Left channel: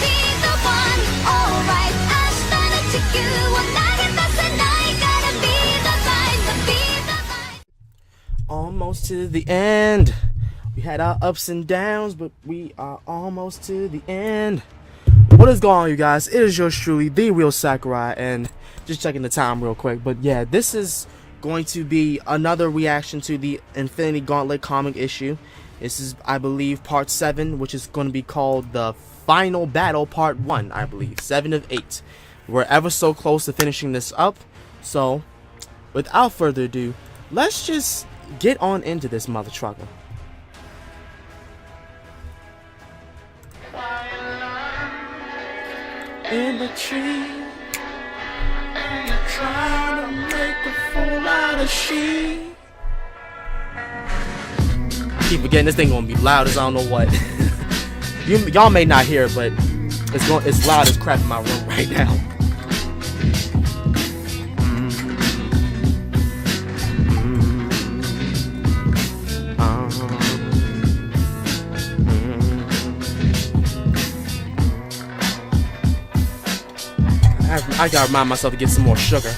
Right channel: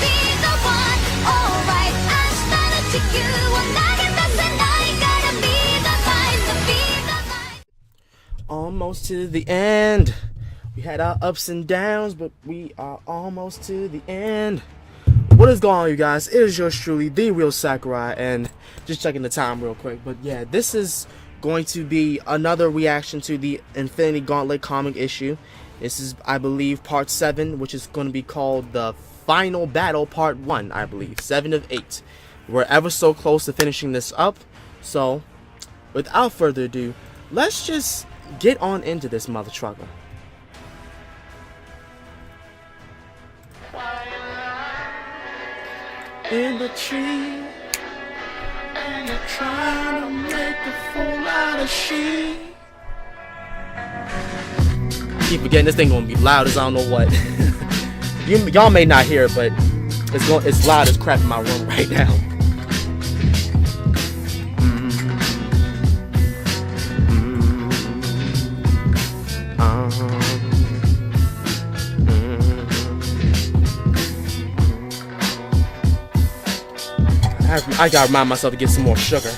be the one. Alright,明日の地球を投げ出せないからbe the light, be the light. Almost to the end. We had our ups and downs, but we are almost to the end. What is going on, you guys? It is yours truly, the real Sakurai, and just checking the time real quick. But yeah, this is going to be another reaction to the Infinity Gauntlet comic issue. This is, I believe, part 7, which is going to be called the Final Battle Part 1, I believe. 7 of 8. We're ever so close to finishing this up. So, without further ado, let's just get on into this mother trucker. In the tree, and you're trying to make a fool out of she. Keep forgetting this thing gonna be loud as I don't know what. Y'all may not hear it, but it's loud as crap in my room right now. I gotta remind myself to get some more sugar.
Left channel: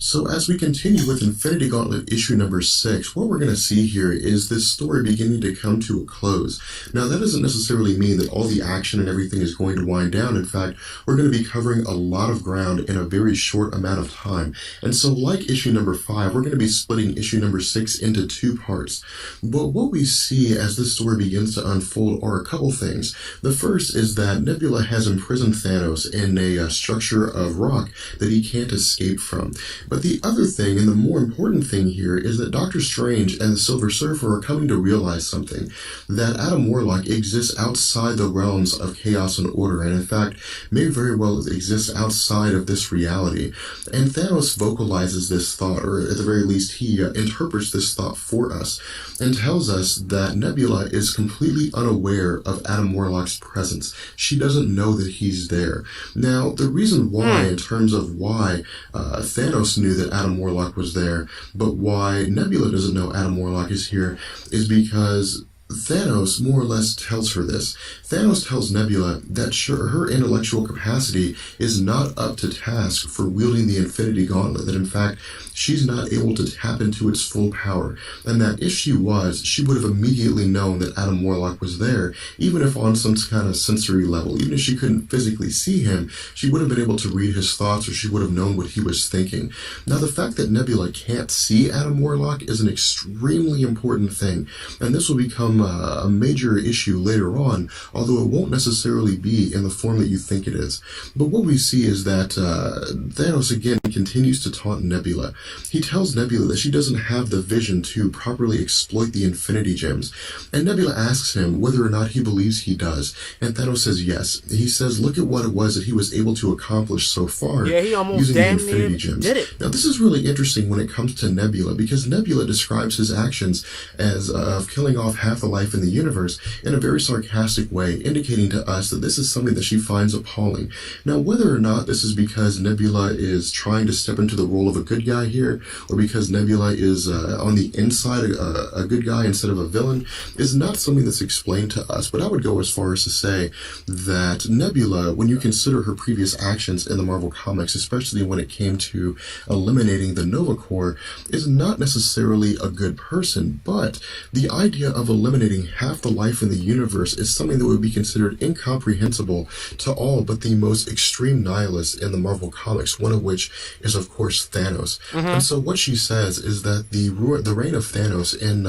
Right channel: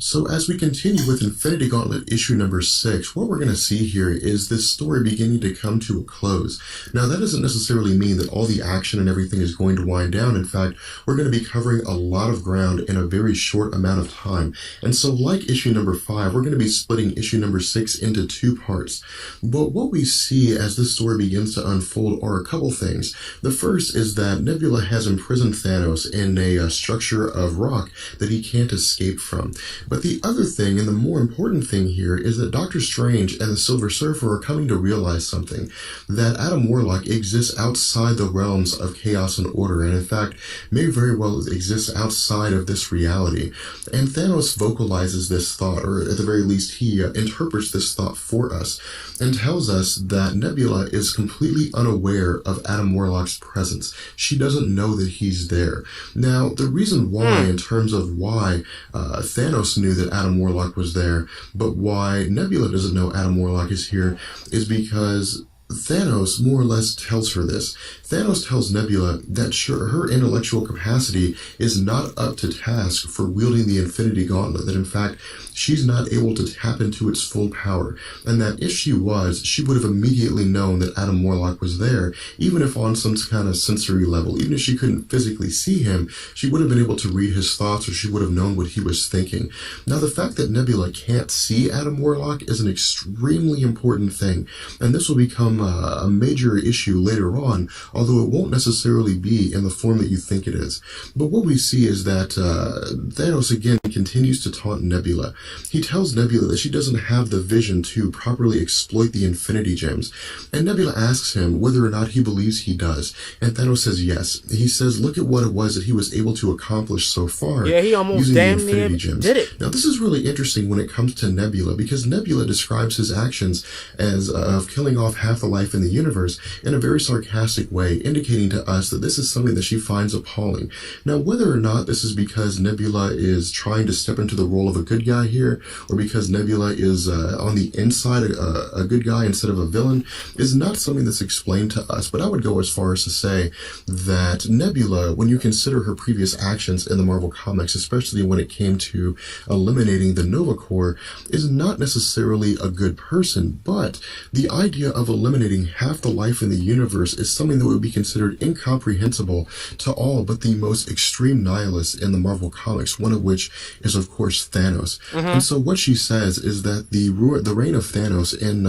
So as we continue with Infinity Gauntlet issue number 6, what we're going to see here is this story beginning to come to a close. Now that doesn't necessarily mean that all the action and everything is going to wind down. In fact, we're going to be covering a lot of ground in a very short amount of time. And so like issue number 5, we're going to be splitting issue number 6 into 2 parts. But what we see as this story begins to unfold are a couple things. The first is that Nebula has imprisoned Thanos in a structure of rock that he can't escape from. But the other thing, and the more important thing here, is that Doctor Strange and the Silver Surfer are coming to realize something. That Adam Warlock exists outside the realms of chaos and order, and in fact, may very well exist outside of this reality. And Thanos vocalizes this thought, or at the very least, he interprets this thought for us, and tells us that Nebula is completely unaware of Adam Warlock's presence. She doesn't know that he's there. Now, the reason why, in terms of why Thanos knew that Adam Warlock was there, but why Nebula doesn't know Adam Warlock is here, is because Thanos more or less tells her this. Thanos tells Nebula that her intellectual capacity is not up to task for wielding the Infinity Gauntlet, that in fact, she's not able to tap into its full power, and that if she was, she would have immediately known that Adam Warlock was there, even if on some kind of sensory level. Even if she couldn't physically see him, she would have been able to read his thoughts, or she would have known what he was thinking. Now, the fact that Nebula can't see Adam Warlock is an extremely important thing, and this will become a major issue later on, although it won't necessarily be in the form that you think it is. But what we see is that Thanos again continues to taunt Nebula. He tells Nebula that she doesn't have the vision to properly exploit the Infinity Gems, and Nebula asks him whether or not he believes he does, and Thanos says yes. He says, look at what it was that he was able to accomplish so far. Yeah, he almost damn near did it. Now this is really interesting when it comes to Nebula, because Nebula describes his actions as of killing off half the life in the universe in a very sarcastic way, indicating to us that this is something that she finds appalling. Now, whether or not this is because Nebula is trying to step into the role of a good guy here, or because Nebula is on the inside a good guy instead of a villain, is not something that's explained to us. But I would go as far as to say that Nebula, when you consider her previous actions in the Marvel Comics, especially when it came to eliminating the Nova Corps, is not necessarily a good person. But the idea of eliminating half the life in the universe is something that would be considered incomprehensible to all but the most extreme nihilists in the Marvel Comics, one of which is, of course, Thanos. And so what she says is that the reign of Thanos in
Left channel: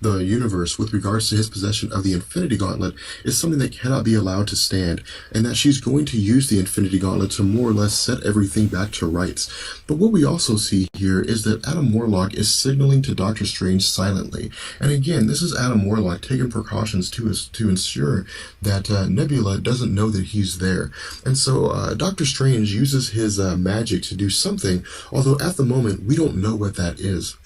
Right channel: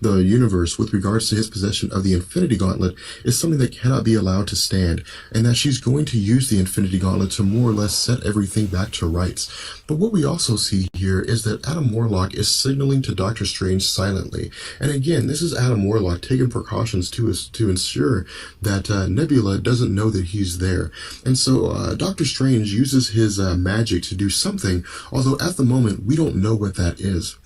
the universe with regards to his possession of the Infinity Gauntlet is something that cannot be allowed to stand, and that she's going to use the Infinity Gauntlet to more or less set everything back to rights. But what we also see here is that Adam Warlock is signaling to Doctor Strange silently. And again, this is Adam Warlock taking precautions to ensure that Nebula doesn't know that he's there. And so Doctor Strange uses his magic to do something, although at the moment we don't know what that is.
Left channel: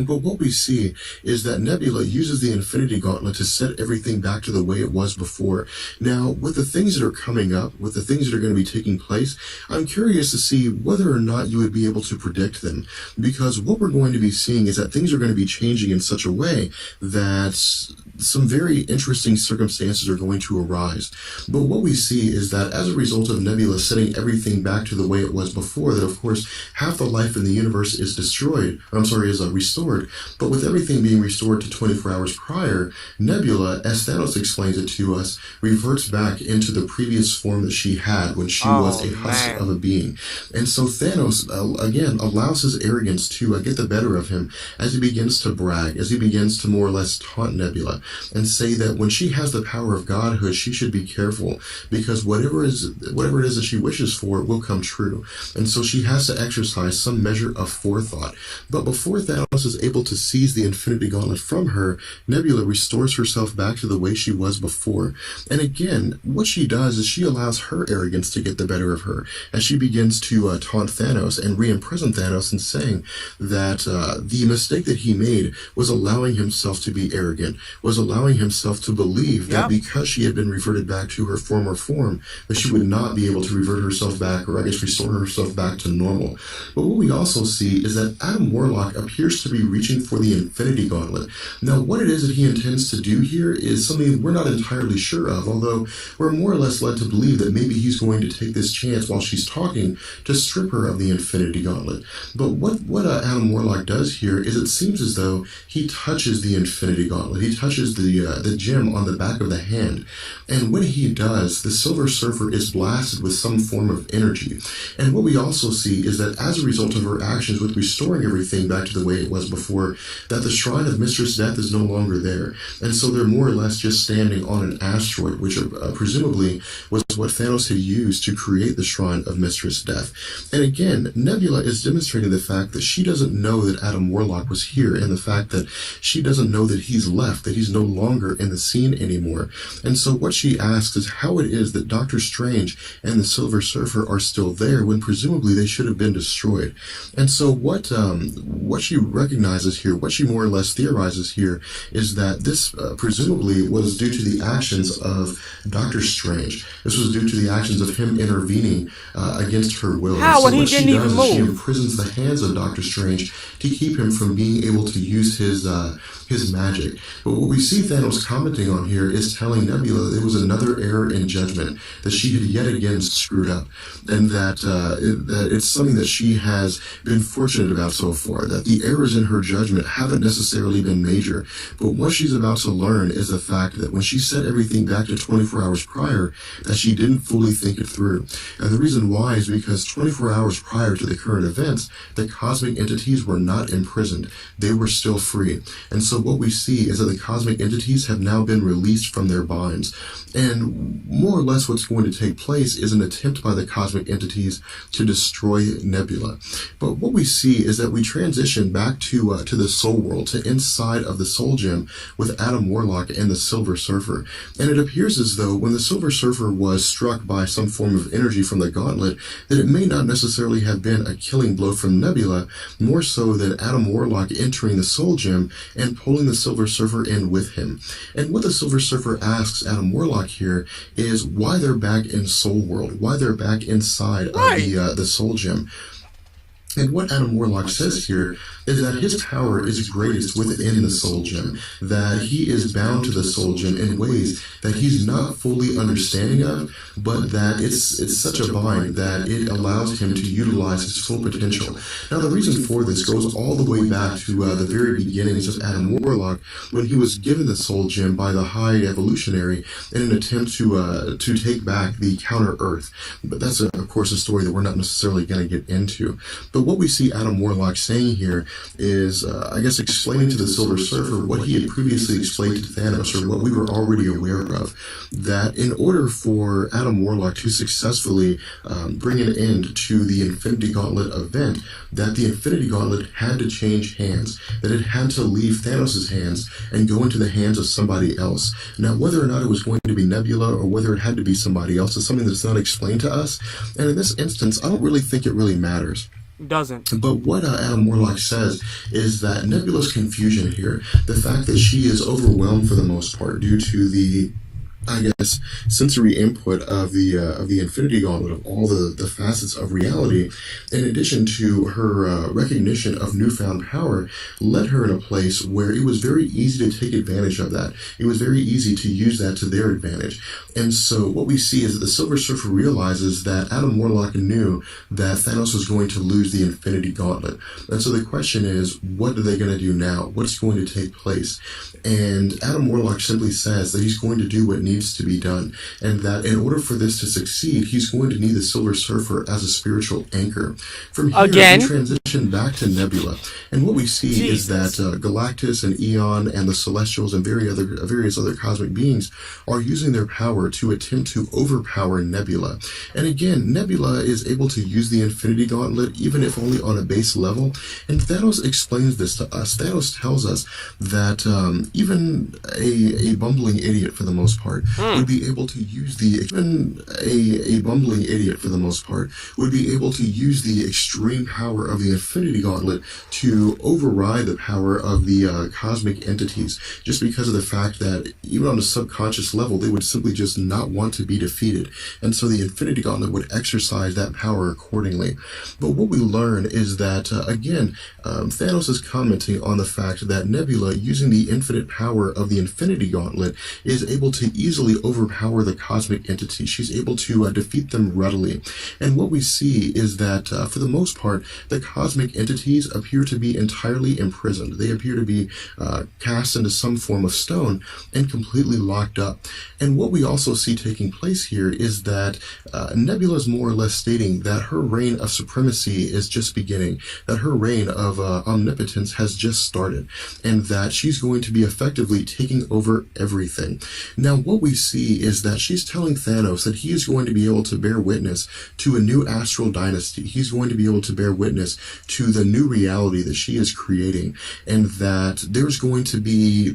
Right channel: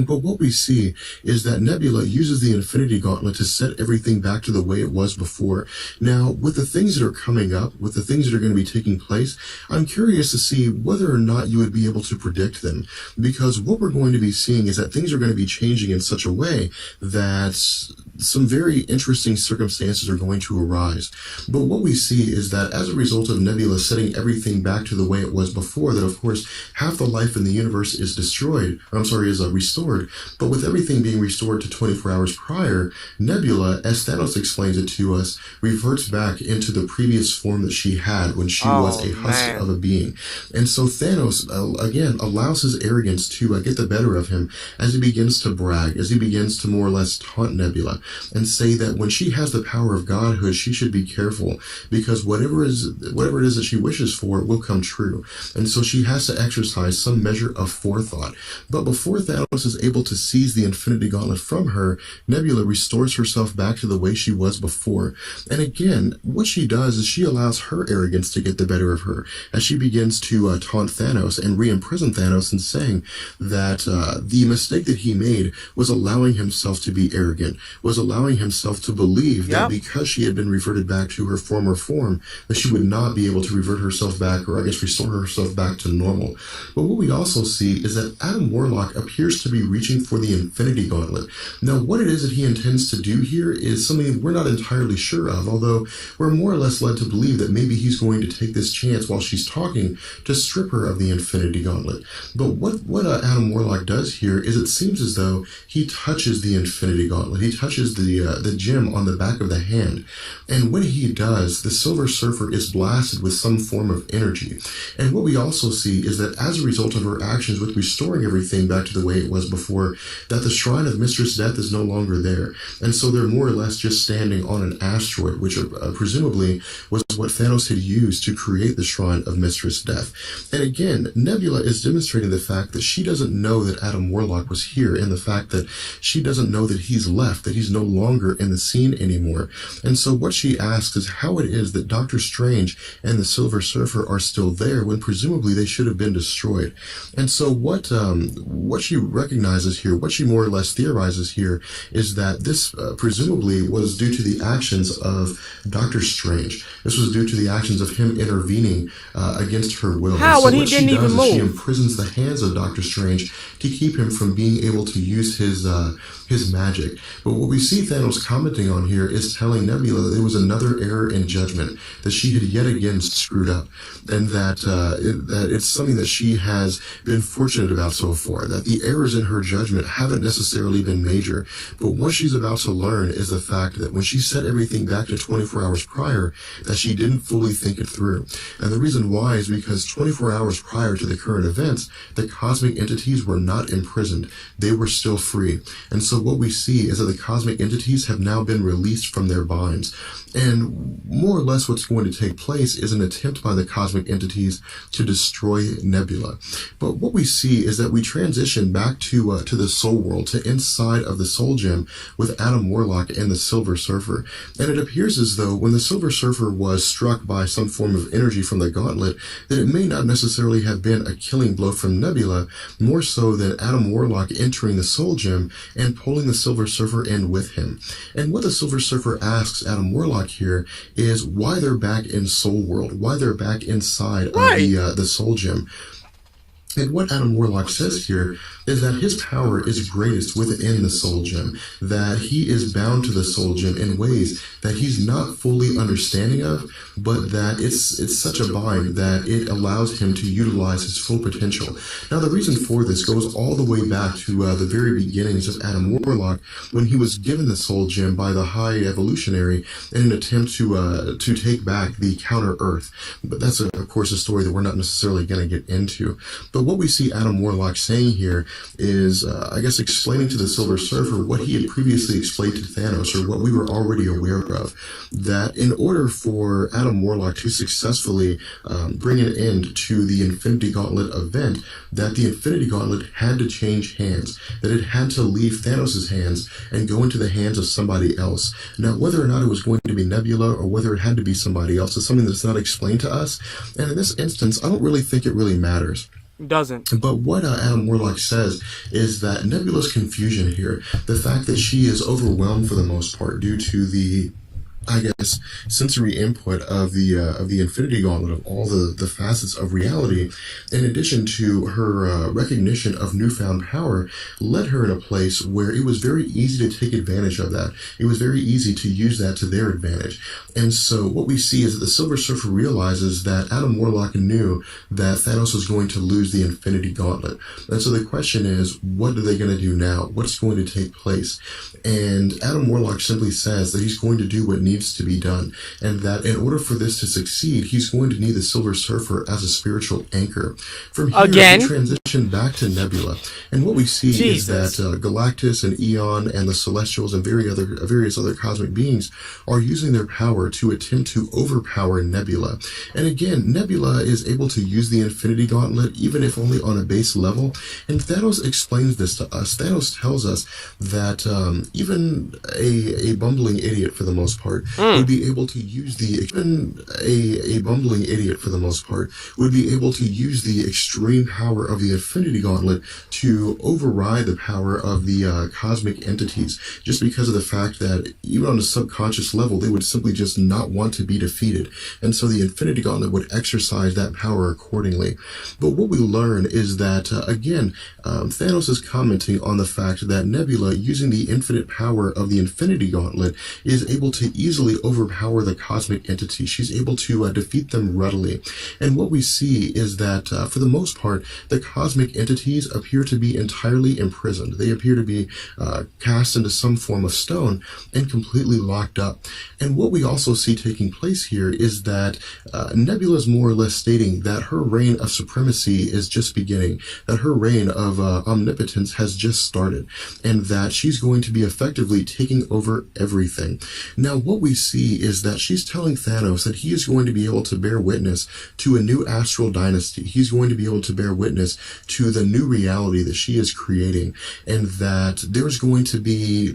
But what we see is that Nebula uses the Infinity Gauntlet to set everything back to the way it was before. Now, with the things that are coming up, with the things that are going to be taking place, I'm curious to see whether or not you would be able to predict them. Because what we're going to be seeing is that things are going to be changing in such a way that some very interesting circumstances are going to arise. But what we see is that as a result of Nebula setting everything back to the way it was before, that of course half the life in the universe is restored, but with everything being restored to 24 hours prior, Nebula, as Thanos explains it to us, reverts back into the previous form that she had when she was a husk of a being. And so Thanos, again, allows his arrogance to get the better of him as he begins to brag, as he begins to more or less taunt Nebula and say that when she has the power of godhood, she should be careful because whatever it is that she wishes for will come true. And so she has to exercise some measure of forethought. But before Thanos is able to seize the Infinity Gauntlet from her, Nebula restores herself back to the way she was before. And again, what she does is she allows her arrogance to get the better of her as she begins to taunt Thanos and re-imprison Thanos in saying that the mistake that he made was allowing himself to be arrogant, was allowing himself to believe that because she had been reverted back to her former form, that she would not be able to revert herself back, or I guess restore herself back to normal. But what we also see is that Adam Warlock appears to be reaching for the Infinity Gauntlet. Now, what it is that he intends to do here is something we're not entirely sure of, although we're more or less led to believe that maybe he's going to take this chance while she's talking to strip her of the Infinity Gauntlet. But what Adam Warlock does here is it seems as though he touches the Infinity Gauntlet. He touches the gem on the back of the hand. And when he does, the Silver Surfer is blasted with some form of energy. And what we also see is that as a result of her actions with restoring everything back to the way it was before, that the Shrine of Mistress Death is no longer there. And so they're more or less just standing on an asteroid, which presumably was what Thanos had used to create the Shrine of Mistress Death. And again, Nebula is demonstrating the fact that she doesn't know that Adam Warlock was here, and the fact that she doesn't know that he's left, that he's no longer in the scene anymore. And so what she asks is how it is that Doctor Strange and the Silver Surfer are still there when presumably they should have been destroyed. And so what she recognizes here, what she more or less theorizes here, is that this presumably was due to the actions of Doctor Strange. This was due to the actions of him intervening against her will. How? So when he didn't even move? She imprisons the hands of Doctor Strange to keep him from being able to use his magic. But what we see Thanos commenting on here is telling Nebula that there was another error in judgment, that she had yet again screwed up, and that it's something that she has been fortunate about so far, that the errors in her judgment haven't necessarily been major. But what she's about to learn is the fact that when she set everything back to 24 hours prior, that she didn't fully think it through. And the reason why is because 24 hours prior to the current events, the cosmic entities were not imprisoned. They were still free. And so what we see is that the cosmic entities have now been released from their binds. And more or less what's going to take place is an attempt by the cosmic entities to destroy Nebula. But what we see is that we transition back to the Soul World, to inside of the Soul Gem with Adam Warlock and the Silver Surfer. And it appears as though when the Silver Surfer was struck by some form of energy from the Gauntlet, that it may not necessarily have been a killing blow from Nebula, more so than Adam Warlock entering the Soul Gem and pulling the Silver Surfer in with him. And what the Silver Surfer asks Adam Warlock here is why they're back in Soul World, why they're back inside of the Soul Gem. And what Adam Warlock says here is that his power is greatest within the Soul Gem, that he is bound to the Soul Gem in ways that he's not fully understanding of, but that it's such a bind that it allows him to utilize his full potential. Now, the reason for this goes all the way back to the very beginnings of Adam Warlock, when he was given the Soul Gem by the High Evolutionary in an attempt to take back the Counter Earth. But that's, of course, a story that we're not necessarily going to get into. But what we see Adam Warlock saying here is, I guess, explaining to the Silver Surfer what he had previously explained to Thanos, or what we were already aware of, that in order for Adam Warlock to successfully bring an end to the Infinity Gauntlet event, that the Infinity Gauntlet had to change hands, that it had to leave Thanos' hands and go into the hands of somebody else. Now, whether or not it was going to be Nebula or whether it had to be somebody else is something that's not explained to us, and in this instance, I don't really think it really matters. Doesn't. But what Adam Warlock says is that Nebula's confusion here, the fact that she is overwhelmed for the most part due to the I guess, sensory input of the Infinity Gauntlet, of all the facets of reality, in addition to her recognition of newfound power, led her in a place where it was very easy to take advantage of that. It was very easy to use that to their advantage. And so what we see is that the Silver Surfer realizes that Adam Warlock knew that Thanos was going to lose the Infinity Gauntlet. And so the question is, what are they going to do now? What's going to take place? And Adam Warlock simply says that he's going to do what needs to be done, and that in order for this to succeed, he's going to need the Silver Surfer as a spiritual anchor. From here, we transition back to Nebula, and what we see is that Galactus and Eon and the Celestials and various other cosmic beings are using their power to attempt to overpower Nebula. And again, Nebula is able to use the Infinity Gauntlet, even if only on a base level, and Thanos explains this to us. Thanos tells us that even a bumbling idiot, for the most part, would be able to use the extreme power of the Infinity Gauntlet to override the power of the cosmic entities, just because of the fact that even on a subconscious level, they would simply just not want to be defeated, and so the Infinity Gauntlet would exercise that power accordingly. But what we learn is that again, Thanos is commenting on the fact that Nebula, using the infinite power of the Infinity Gauntlet, is able to easily overpower the cosmic entity. She's able to defeat them readily. And what we see is that, for the most part, the cosmic entities appear to be entirely imprisoned. They appear to be cast into some form of stone and completely locked up. And what we also see taking place here is that Nebula is more or less stating that her reign of supremacy is just beginning, that her reign of omnipotence has just started, and that she's going to be effectively taking over everything. Now, what we see is that she's telling Thanos that he is going to be able to bear witness to a new astral dynasty. He's going to be able to bear witness to the new reality that she is creating, and that there's going to be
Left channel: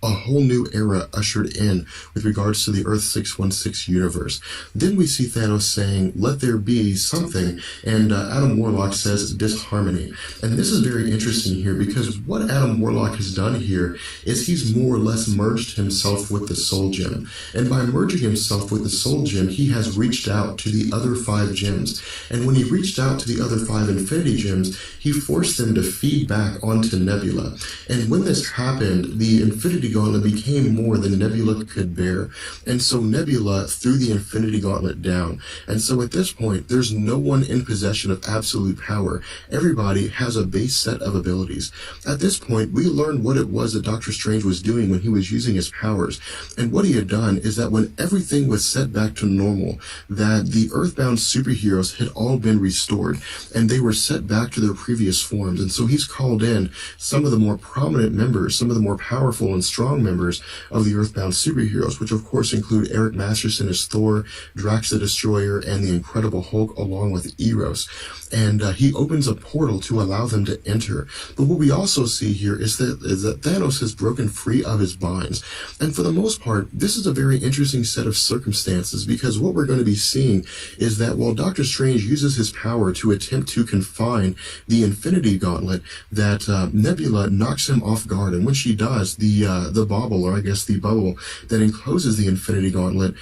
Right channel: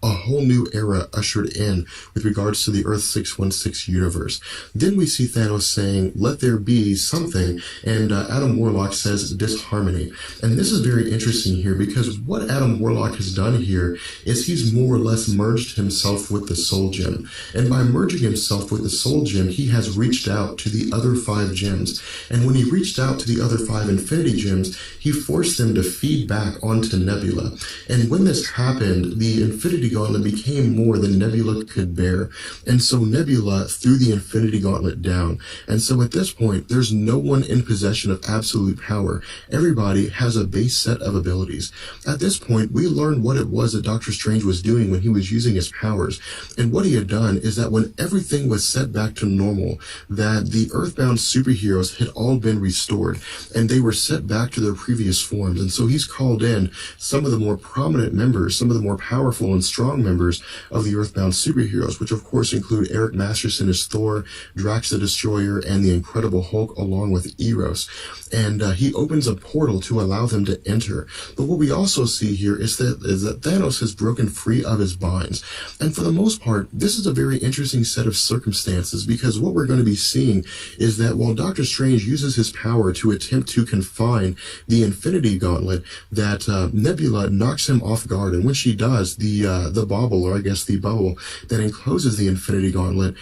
a whole new era ushered in with regards to the Earth 616 universe. Then we see Thanos saying, "Let there be something," and Adam Warlock says disharmony. And this is very interesting here, because what Adam Warlock has done here is he's more or less merged himself with the Soul Gem. And by merging himself with the Soul Gem, he has reached out to the other 5 gems. And when he reached out to the other 5 Infinity Gems, he forced them to feed back onto Nebula. And when this happened, the Infinity Gauntlet became more than Nebula could bear, and so Nebula threw the Infinity Gauntlet down. And so at this point, there's no one in possession of absolute power. Everybody has a base set of abilities. At this point, we learned what it was that Doctor Strange was doing when he was using his powers. And what he had done is that when everything was set back to normal, that the Earthbound superheroes had all been restored, and they were set back to their previous forms. And so he's called in some of the more prominent members, some of the more powerful and strong members of the Earthbound superheroes, which of course include Eric Masterson as Thor, Drax the Destroyer, and the Incredible Hulk, along with Eros. And he opens a portal to allow them to enter. But what we also see here is that Thanos has broken free of his binds. And for the most part, this is a very interesting set of circumstances, because what we're going to be seeing is that while Doctor Strange uses his power to attempt to confine the Infinity Gauntlet, that Nebula knocks him off guard. And when she does, the bauble, or I guess the bubble that encloses the Infinity Gauntlet,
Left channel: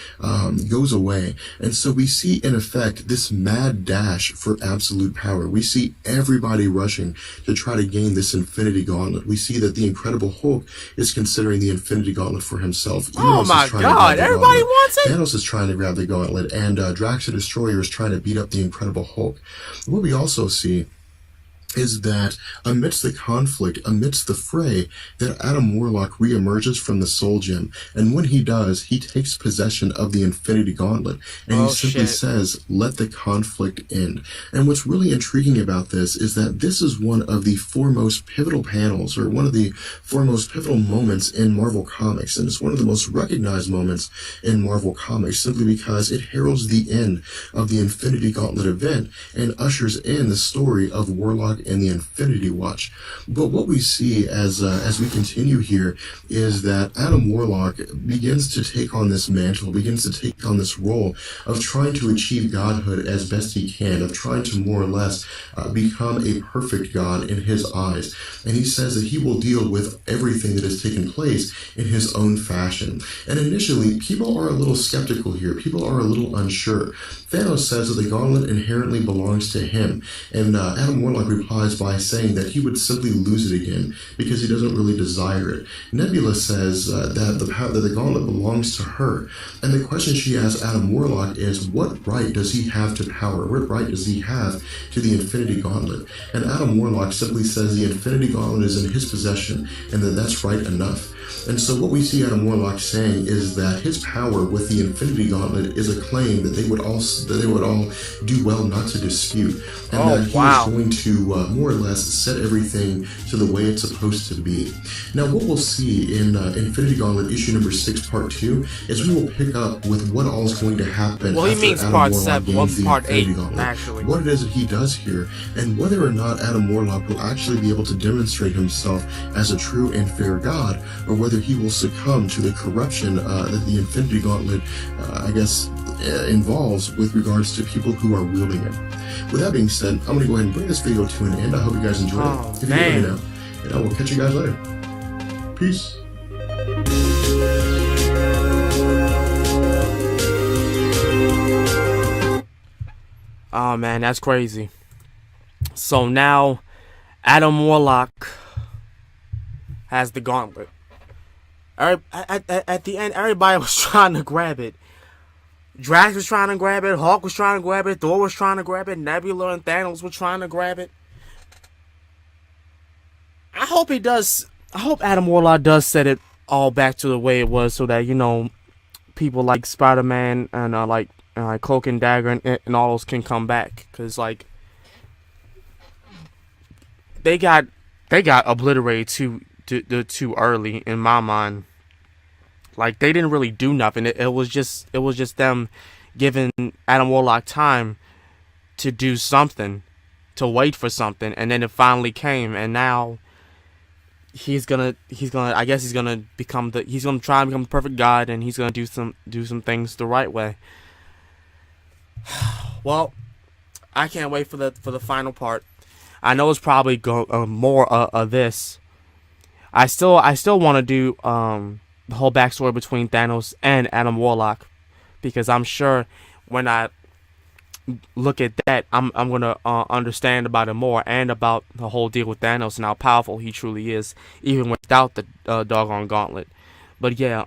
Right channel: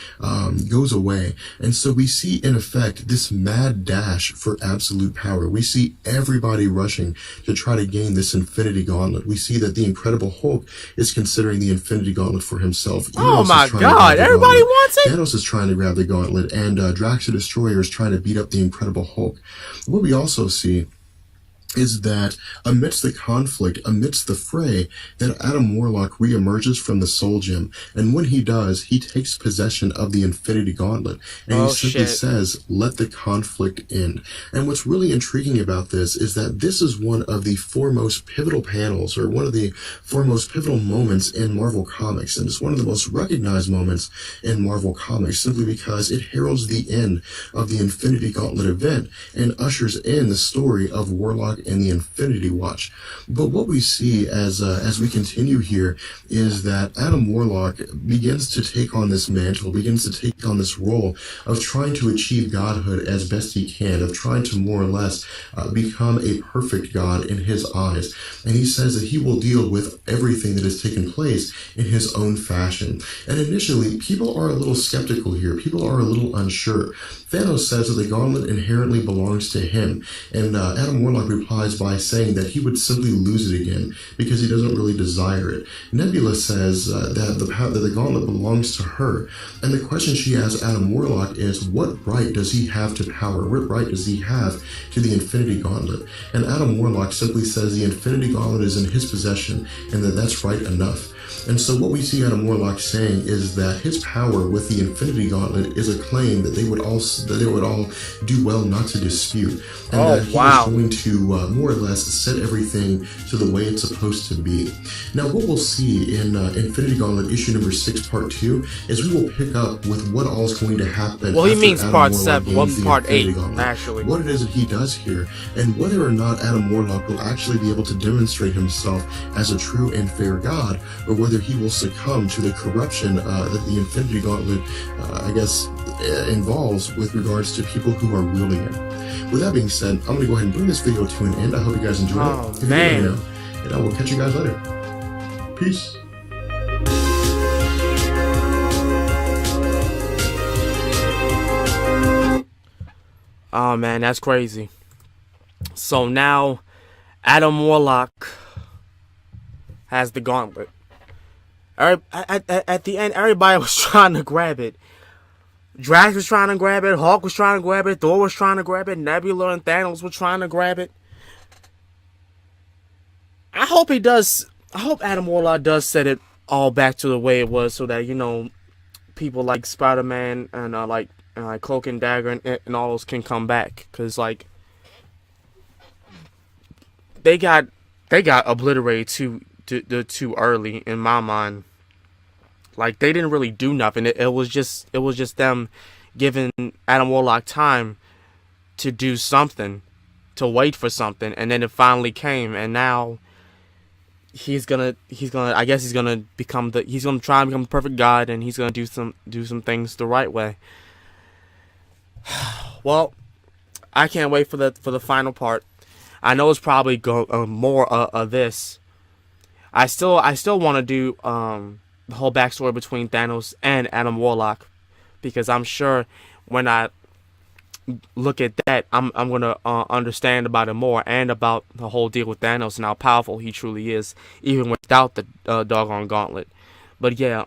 goes away. And so we see, in effect, this mad dash for absolute power. We see everybody rushing to try to gain this Infinity Gauntlet. We see that the Incredible Hulk is considering the Infinity Gauntlet for himself. Oh my God, everybody wants it? Thanos is trying to grab the gauntlet, and Drax the Destroyer is trying to beat up the Incredible Hulk. What we also see is that amidst the conflict, amidst the fray, that Adam Warlock reemerges from the Soul Gem. And when he does, he takes possession of the Infinity Gauntlet. And he simply says, "Let the conflict end." And what's really intriguing about this is that this is one of the foremost pivotal panels, or one of the foremost pivotal moments in Marvel Comics. And it's one of the most recognized moments in Marvel Comics, simply because it heralds the end of the Infinity Gauntlet event and ushers in the story of Warlock and the Infinity Watch. But what we see as we continue here is that Adam Warlock begins to take on this mantle, begins to take on this role of trying to achieve godhood as best he can, of trying to more or less become a perfect god in his eyes. And he says that he will deal with everything that has taken place in his own fashion. And initially, people are a little skeptical here. People are a little unsure. Thanos says that the gauntlet inherently belongs to him, and Adam Warlock replies by saying that he would simply lose it again because he doesn't really desire it. Nebula says that the gauntlet belongs to her, and the question she asks Adam Warlock is, what right does he have to power? What right does he have to the Infinity Gauntlet? And Adam Warlock simply says the Infinity Gauntlet is in his possession, and that that's right enough. And so what we see Adam Warlock saying is that his power with the Infinity Gauntlet is a claim that they would all do well not to dispute, and that he is going to more or less set everything to the way it's supposed to be. Now, what we'll see in Infinity Gauntlet issue number 6, part 2, is we will pick up with what all is going to happen. Well, he means Adam part Warlock 7, gains the part Infinity 8, Gauntlet, actually. what it is that he does here, and whether or not Adam Warlock will actually be able to demonstrate himself as a true and fair god, or whether he will succumb to the corruption that the Infinity Gauntlet, involves with regards to people who are wielding it. With that being said, I'm going to go ahead and bring this video to an end. I hope you guys enjoyed it. If Man. you let me know, and I will catch you guys later. Peace. Oh man, that's crazy. So now Adam Warlock has the gauntlet. At the end, everybody was trying to grab it. Drax was trying to grab it. Hulk was trying to grab it. Thor was trying to grab it. Nebula and Thanos were trying to grab it. I hope he does. I hope Adam Warlock does set it all back to the way it was, so that, you know, people like Spider-Man and Cloak and Dagger and all those can come back, because like they got obliterated too early in my mind. Like, they didn't really do nothing. It was just them giving Adam Warlock time to do something, to wait for something, and then it finally came, and now he's gonna try and become the perfect god, and he's gonna do some things the right way. Well, I can't wait for the final part. I know it's probably more of this. I still want to do the whole backstory between Thanos and Adam Warlock, because I'm sure when I look at that, I'm gonna understand about it more, and about the whole deal with Thanos and how powerful he truly is, even without the doggone gauntlet. But yeah,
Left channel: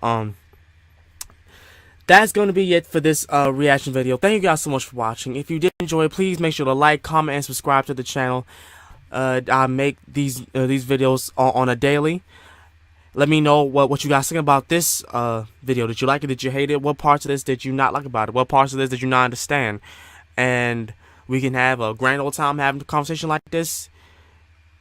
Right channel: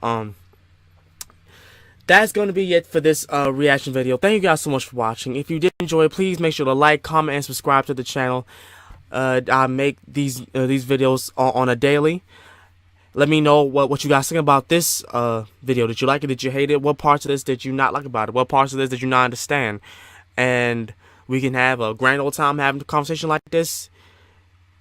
that's going to be it for this reaction video. Thank you guys so much for watching. If you did enjoy it, please make sure to like, comment, and subscribe to the channel. I make these videos on a daily. Let me know what you guys think about this video. Did you like it? Did you hate it? What parts of this did you not like about it? What parts of this did you not understand? And we can have a grand old time having a conversation like this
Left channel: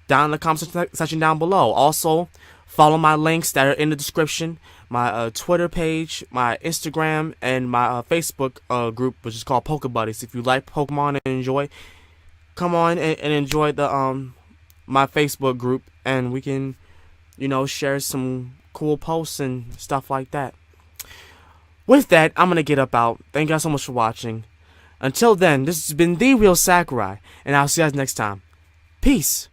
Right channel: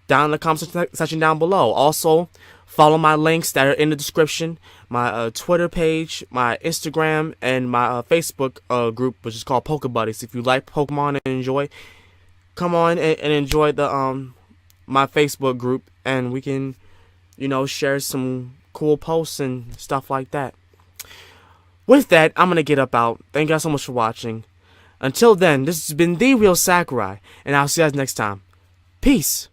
down in the comment section down below. Also, follow my links that are in the description. My Twitter page, my Instagram, and my Facebook group, which is called Poke Buddies. If you like Pokemon and enjoy, come on and enjoy the my Facebook group, and we can, you know, share some cool posts and stuff like that. With that, I'm gonna get up out. Thank you guys so much for watching. Until then, this has been The Real Sakurai, and I'll see you guys next time. Peace.